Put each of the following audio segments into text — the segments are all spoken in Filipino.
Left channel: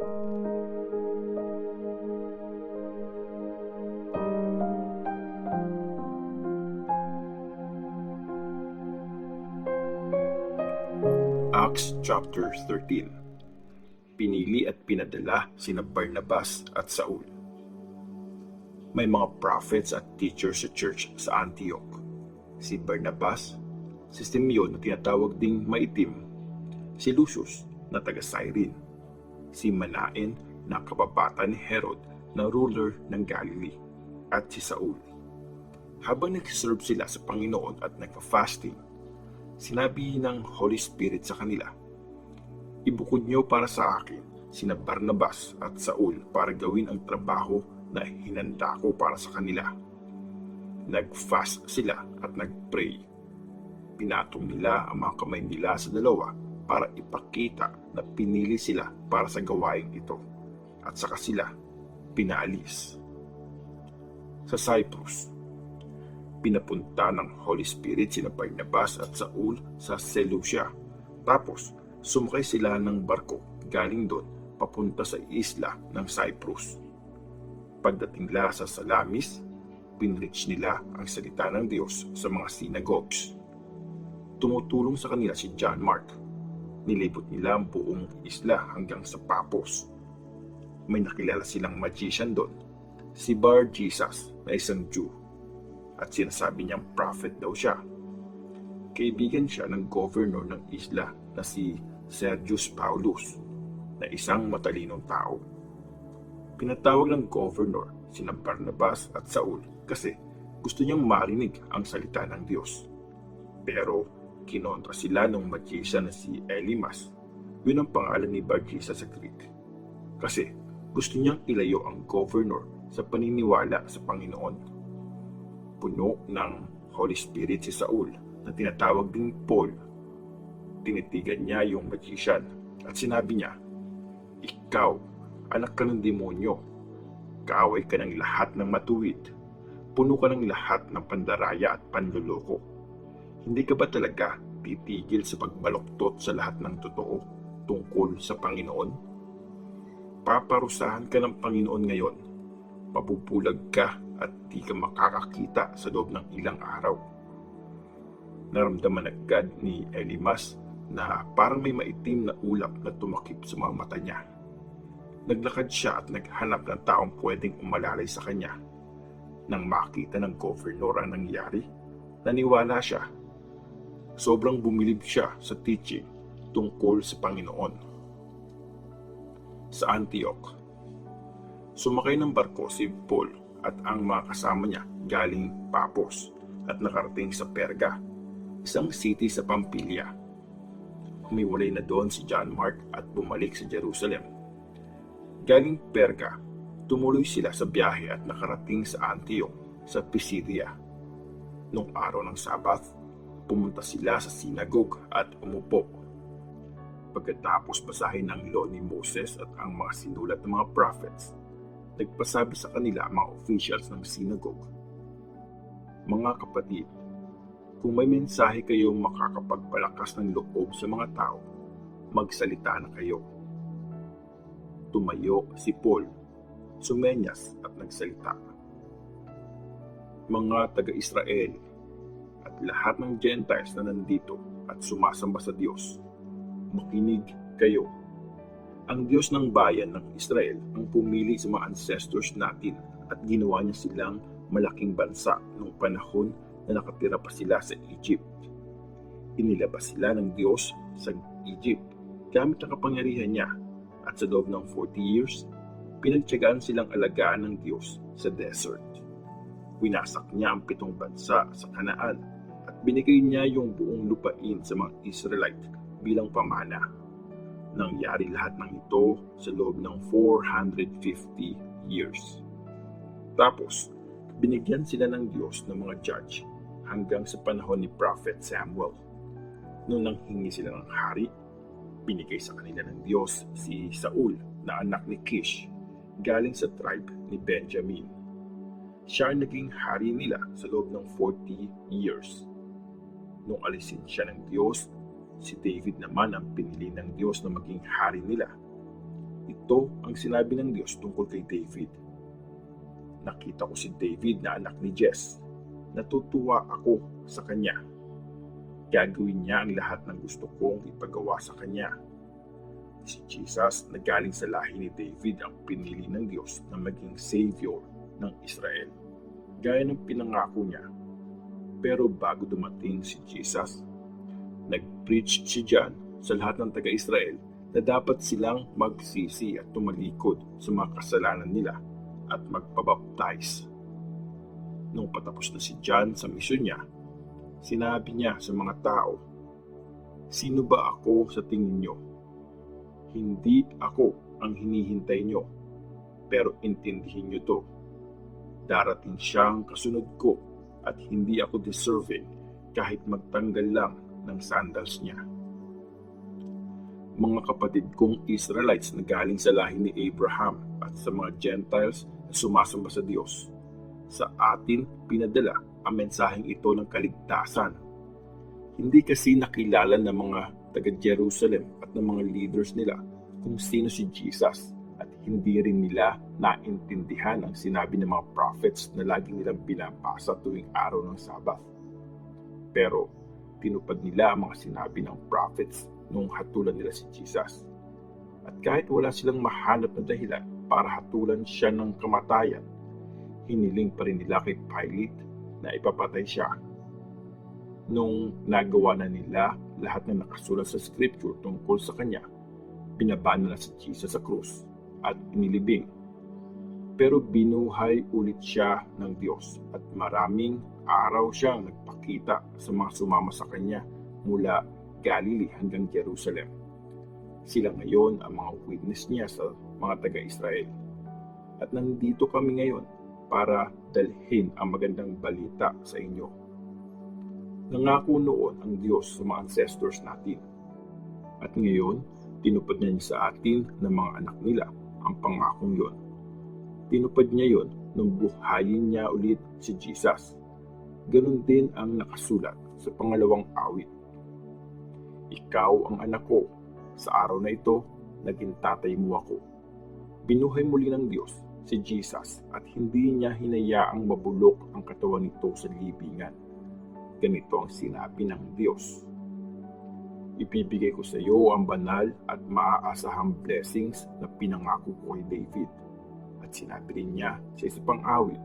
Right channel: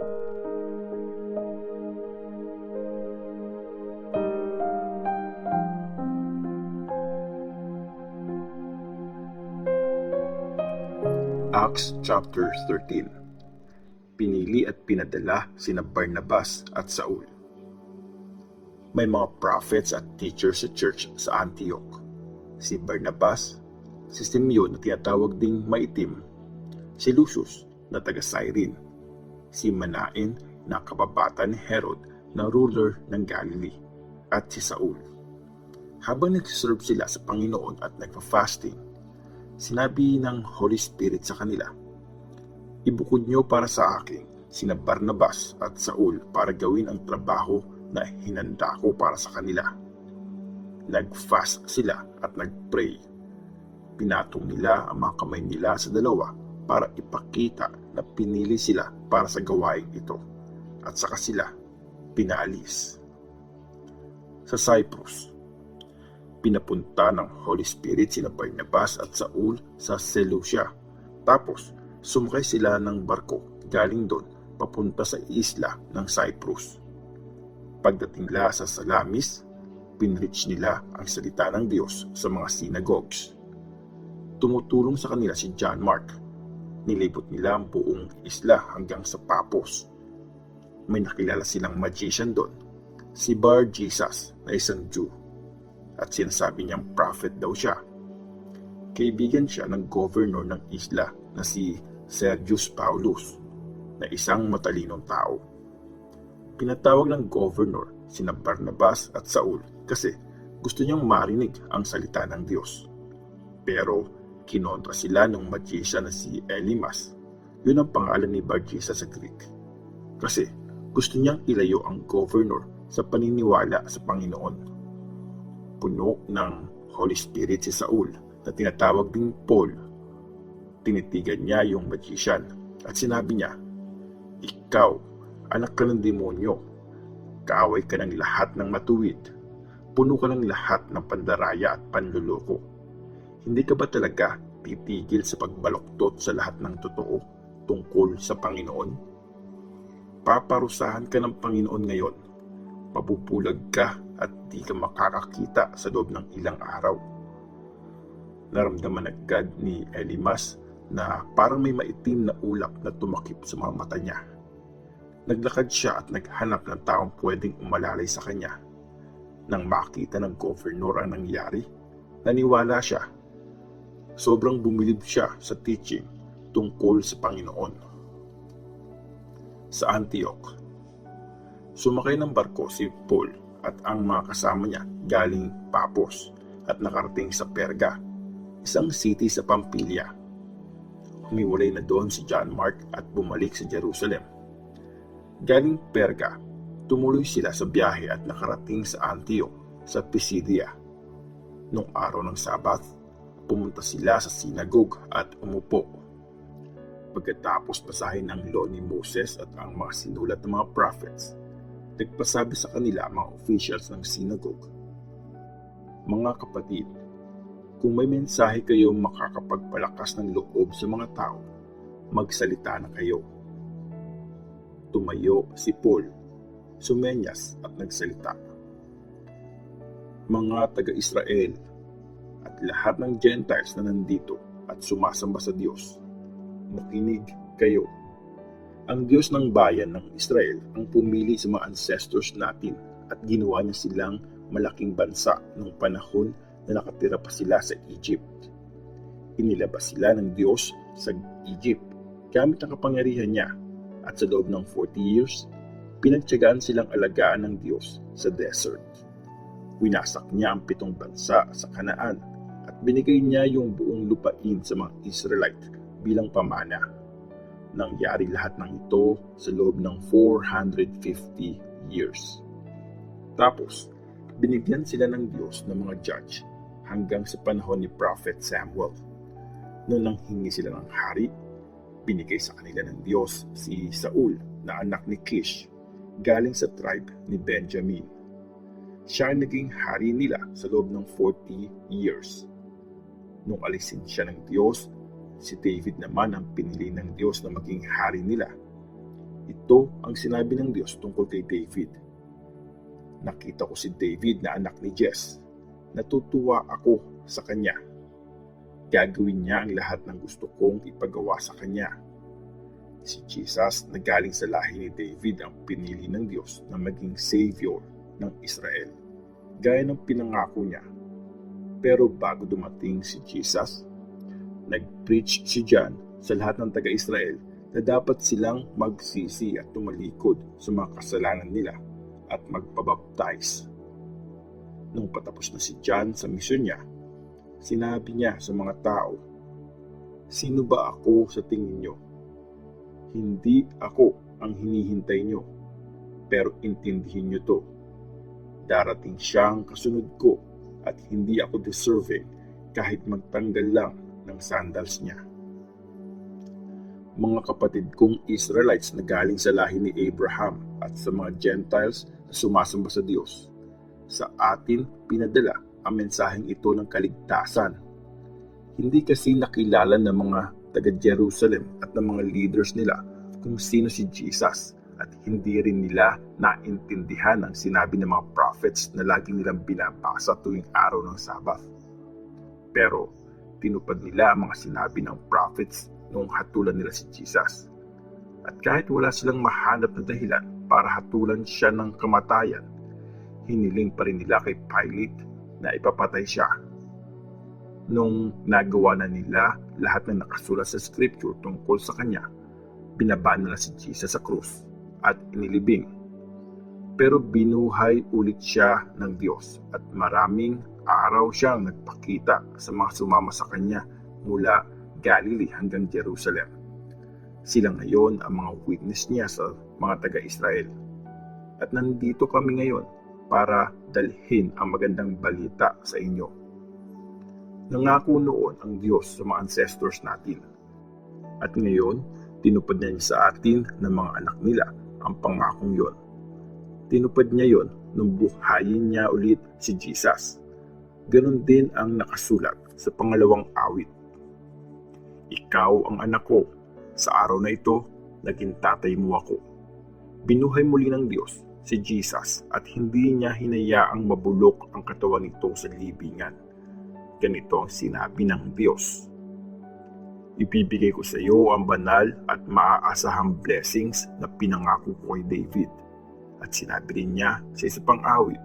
Acts chapter 13. Pinili at pinadala sina Barnabas at Saul. May mga prophets at teachers sa church sa Antioch. Si Barnabas, si Simeon na tinatawag ding Maitim, si Lucius na taga Cyrene, si Manaen na kababata ni Herod na ruler ng Galilee, at si Saul. Habang nag-serve sila sa Panginoon at nagpa-fasting, sinabi ng Holy Spirit sa kanila, "Ibukod niyo para sa akin sina Barnabas at Saul para gawin ang trabaho na hinanda ko para sa kanila." Nag-fast sila at nag-pray. Pinatong nila ang mga kamay nila sa dalawa para ipakita na pinili sila para sa gawaing ito, at saka sila pinaalis. Sa Cyprus, pinapunta ng Holy Spirit sina Barnabas at Saul sa Seleucia. Tapos, sumakay sila ng barko galing doon papunta sa isla ng Cyprus. Pagdating nila sa Salamis, pinreach nila ang salita ng Diyos sa mga synagogues. Tumutulong sa kanila si John Mark. Nilipot nila ang buong isla hanggang sa Paphos. May nakilala silang magician doon, si Bar Jesus na isang Jew, at sinasabi niyang prophet daw siya. Kaibigan siya ng governor ng isla na si Sergius Paulus, na isang matalinong tao. Pinatawag ng governor sina Barnabas at Saul kasi gusto niyang marinig ang salita ng Diyos. Pero kinontra sila ng magician na si Elymas, yun ang pangalan ni Bar Jesus sa Greek, kasi gusto niyang ilayo ang governor sa paniniwala sa Panginoon. Puno ng Holy Spirit si Saul na tinatawag ding Paul. Tinitigan niya yung magician at sinabi niya, "Ikaw, anak ka ng demonyo. Kaaway ka ng lahat ng matuwid. Puno ka ng lahat ng pandaraya at panluloko. Hindi ka ba talaga titigil sa pagbaluktot sa lahat ng totoo tungkol sa Panginoon? Paparusahan ka ng Panginoon ngayon. Pabubulag ka at di ka makakakita sa loob ng ilang araw." Naramdaman agad ni Elymas na parang may maitim na ulap na tumakip sa mga mata niya. Naglakad siya at naghanap ng taong pwedeng umalalay sa kanya. Nang makita ng governor ang nangyari, naniwala siya. Sobrang bumilib siya sa teaching tungkol sa Panginoon. Sa Antioch, sumakay ng barko si Paul at ang mga kasama niya galing Paphos at nakarating sa Perga, isang city sa Pamphylia. Humiwalay na doon si John Mark at bumalik sa Jerusalem. Galing Perga, tumuloy sila sa biyahe at nakarating sa Antioch sa Pisidia. Nung araw ng Sabath, pumunta sila sa sinagogue at umupo. Pagkatapos basahin ng law ni Moses at ang mga sinulat ng mga prophets, nagpasabi sa kanila ang mga officials ng synagogue, "Mga kapatid, kung may mensahe kayo makakapagpalakas ng loob sa mga tao, magsalita na kayo." Tumayo si Paul, sumenyas at nagsalita, "Mga taga-Israel at lahat ng Gentiles na nandito at sumasamba sa Diyos, makinig kayo. Ang Diyos ng bayan ng Israel ang pumili sa mga ancestors natin at ginawa niya silang malaking bansa noong panahon na nakatira pa sila sa Egypt. Inilabas sila ng Diyos sa Egypt gamit ang kapangyarihan niya, at sa loob ng 40 years, pinagtiyagaan silang alagaan ng Diyos sa desert. Winasak niya ang 7 bansa sa Kanaan at binigay niya yung buong lupain sa mga Israelite bilang pamana. Nangyari lahat ng ito sa loob ng 450 years. Tapos, binigyan sila ng Diyos ng mga judge hanggang sa panahon ni Prophet Samuel. Noong nanghingi sila ng hari, binigay sa kanila ng Diyos si Saul na anak ni Kish, galing sa tribe ni Benjamin. Siya ang naging hari nila sa loob ng 40 years. Nung alisin siya ng Diyos, si David naman ang pinili ng Diyos na maging hari nila. Ganito ang sinabi ng Diyos tungkol kay David. Nakita ko si David na anak ni Jesse. Natutuwa ako sa kanya. Gagawin niya ang lahat ng gusto kong ipagawa sa kanya. Si Jesus na galing sa lahi ni David ang pinili ng Diyos na maging Savior ng Israel, gaya ng pinangako niya. Pero bago dumating si Jesus, nag-preach si John sa lahat ng taga-Israel na dapat silang magsisi at tumalikod sa mga kasalanan nila at magpabaptize. Nung patapos na si John sa misyon niya, sinabi niya sa mga tao, "Sino ba ako sa tingin niyo? Hindi ako ang hinihintay niyo, pero intindihin niyo to. Darating siyang kasunod ko at hindi ako deserving kahit magtanggal lang ng sandals niya." Mga kapatid kong Israelites na galing sa lahi ni Abraham at sa mga Gentiles na sumasamba sa Diyos, sa atin pinadala ang mensaheng ito ng kaligtasan. Hindi kasi nakilala ng mga taga-Jerusalem at ng mga leaders nila kung sino si Jesus, at hindi rin nila naintindihan ang sinabi ng mga prophets na lagi nilang binabasa tuwing araw ng Sabbath. Pero tinupad nila ang mga sinabi ng prophets noong hatulan nila si Jesus. At kahit wala silang mahanap na dahilan para hatulan siya ng kamatayan, hiniling pa rin nila kay Pilate na ipapatay siya. Nung nagawa na nila lahat ng nakasulat sa scripture tungkol sa kanya, binaba nila si Jesus sa krus at inilibing. Pero binuhay ulit siya ng Diyos at maraming araw siyang nagpakita sa mga sumama sa kanya mula Galilee hanggang Jerusalem. Sila ngayon ang mga witness niya sa mga taga-Israel. At nandito kami ngayon para dalhin ang magandang balita sa inyo. Nangako noon ang Diyos sa mga ancestors natin. At ngayon, tinupad niya sa atin ng mga anak nila ang pangakong yon. Tinupad niya yon nung buhayin niya ulit si Jesus. Ganon din ang nakasulat sa pangalawang awit. Ikaw ang anak ko, sa araw na ito, naging tatay mo ako. Binuhay muli ng Diyos si Jesus at hindi niya hinayaang mabulok ang katawan nito sa libingan. Ganito ang sinabi ng Diyos. Ibibigay ko sa iyo ang banal at maaasahang blessings na pinangako ko kay David. At sinabi rin niya sa isa pang awit,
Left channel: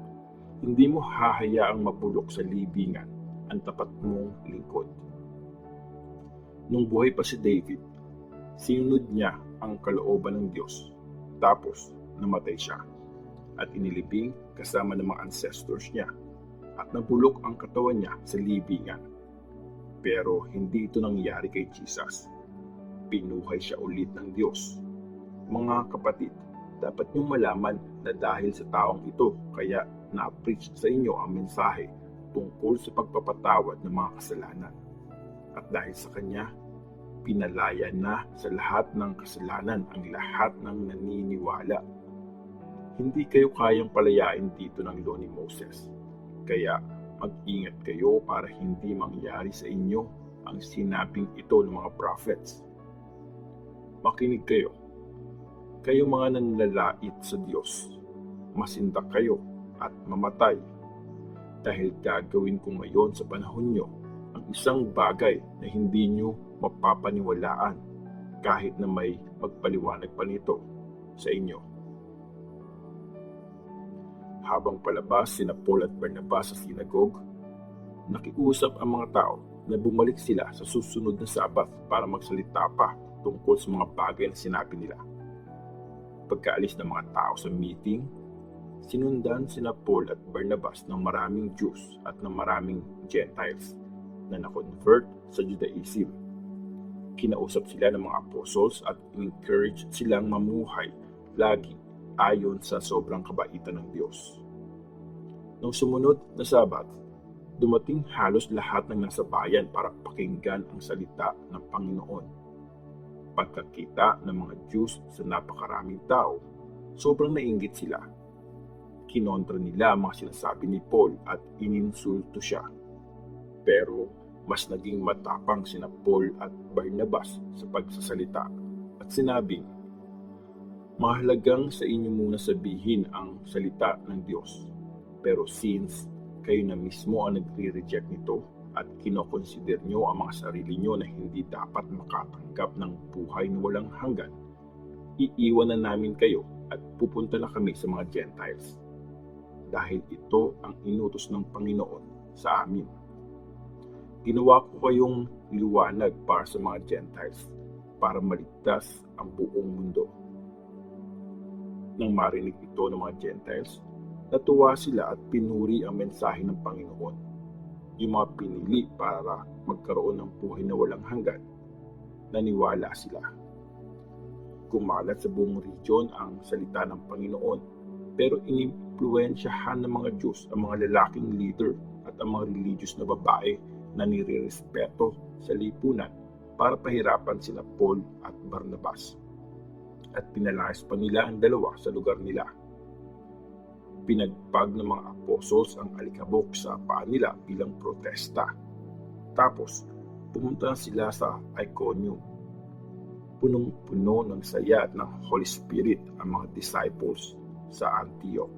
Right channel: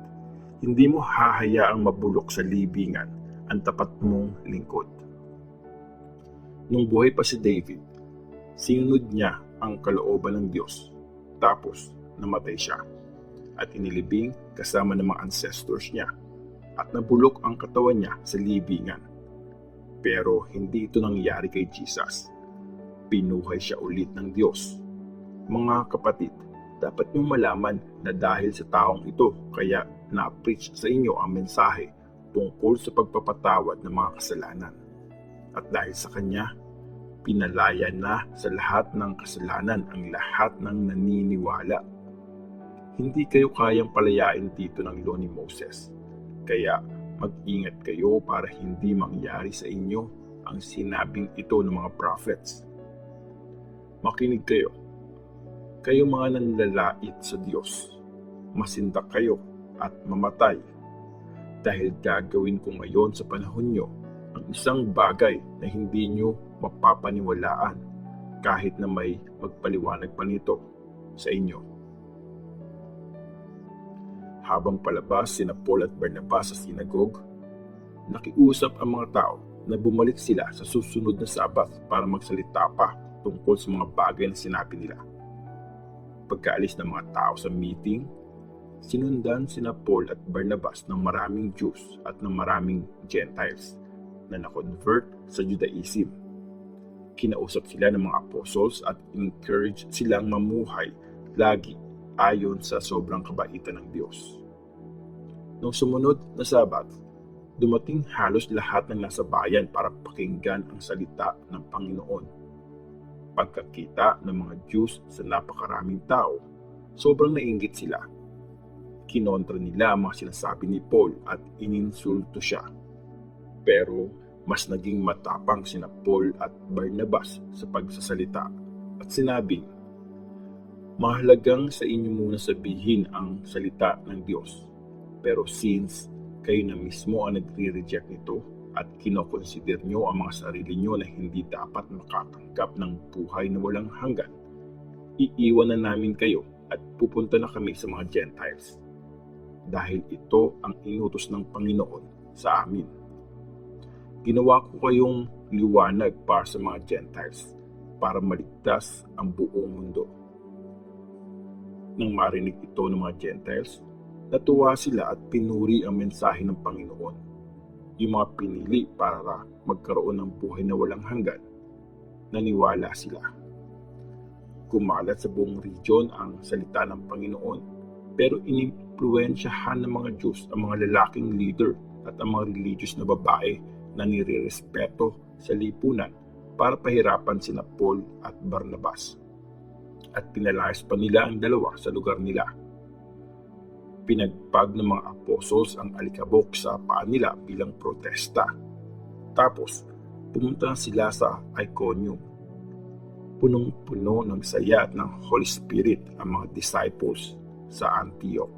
hindi mo hahayaang mabulok sa libingan ang tapat mong lingkod. Nung buhay pa si David, sinunod niya ang kalooban ng Diyos. Tapos, namatay siya at inilibing kasama ng mga ancestors niya at nabulok ang katawan niya sa libingan. Pero hindi ito nangyari kay Jesus. Pinuhay siya ulit ng Diyos. Mga kapatid, dapat niyong malaman na dahil sa taong ito kaya na-preach sa inyo ang mensahe tungkol sa pagpapatawad ng mga kasalanan. At dahil sa kanya, pinalaya na sa lahat ng kasalanan ang lahat ng naniniwala. Hindi kayo kayang palayain dito ng law ni Moses. Kaya mag-ingat kayo para hindi mangyari sa inyo ang sinabing ito ng mga prophets. Makinig kayo. Kayo mga nanlalait sa Diyos. Masinta kayo at mamatay. Dahil gagawin ko ngayon sa panahon nyo ang isang bagay na hindi nyo mapapaniwalaan kahit na may magpaliwanag pa nito sa inyo. Habang palabas sina Paul at Barnabas sa sinagogue, nakiusap ang mga tao na bumalik sila sa susunod na Sabat para magsalita pa tungkol sa mga bagay na sinabi nila. Pagkaalis ng mga tao sa meeting, sinundan sina Paul at Barnabas ng maraming Jews at ng maraming Gentiles na na-convert sa Judaism. Kinausap sila ng mga apostles at encourage silang mamuhay lagi ayon sa sobrang kabaitan ng Diyos. Nung sumunod na Sabat, dumating halos lahat ng nasa bayan para pakinggan ang salita ng Panginoon. Pagkakita ng mga Jews sa napakaraming tao, sobrang nainggit sila. Kinontra nila ang mga sinasabi ni Paul at ininsulto siya. Pero mas naging matapang sina Paul at Barnabas sa pagsasalita at sinabing, Mahalagang sa inyo muna sabihin ang salita ng Diyos. Pero since kayo na mismo ang nagre-reject nito at kinoconsider nyo ang mga sarili nyo na hindi dapat makatanggap ng buhay na walang hanggan, iiwan na namin kayo at pupunta na kami sa mga Gentiles. Dahil ito ang inutos ng Panginoon sa amin. Ginawa ko kayong liwanag para sa mga Gentiles, para maligtas ang buong mundo. Nang marinig ito ng mga Gentiles, natuwa sila at pinuri ang mensahe ng Panginoon. Yung mga pinili para magkaroon ng buhay na walang hanggan, naniwala sila. Kumalat sa buong region ang salita ng Panginoon, pero inimpluwensyahan ng mga Diyos ang mga lalaking leader at ang mga religious na babae na nirirespeto sa lipunan para pahirapan sina Paul at Barnabas. At pinalayas pa nila ang dalawa sa lugar nila. Pinagpag ng mga apostles ang alikabok sa paa nila bilang protesta. Tapos, pumunta sila sa Iconium. Punong-puno ng saya at ng Holy Spirit ang mga disciples sa Antioch.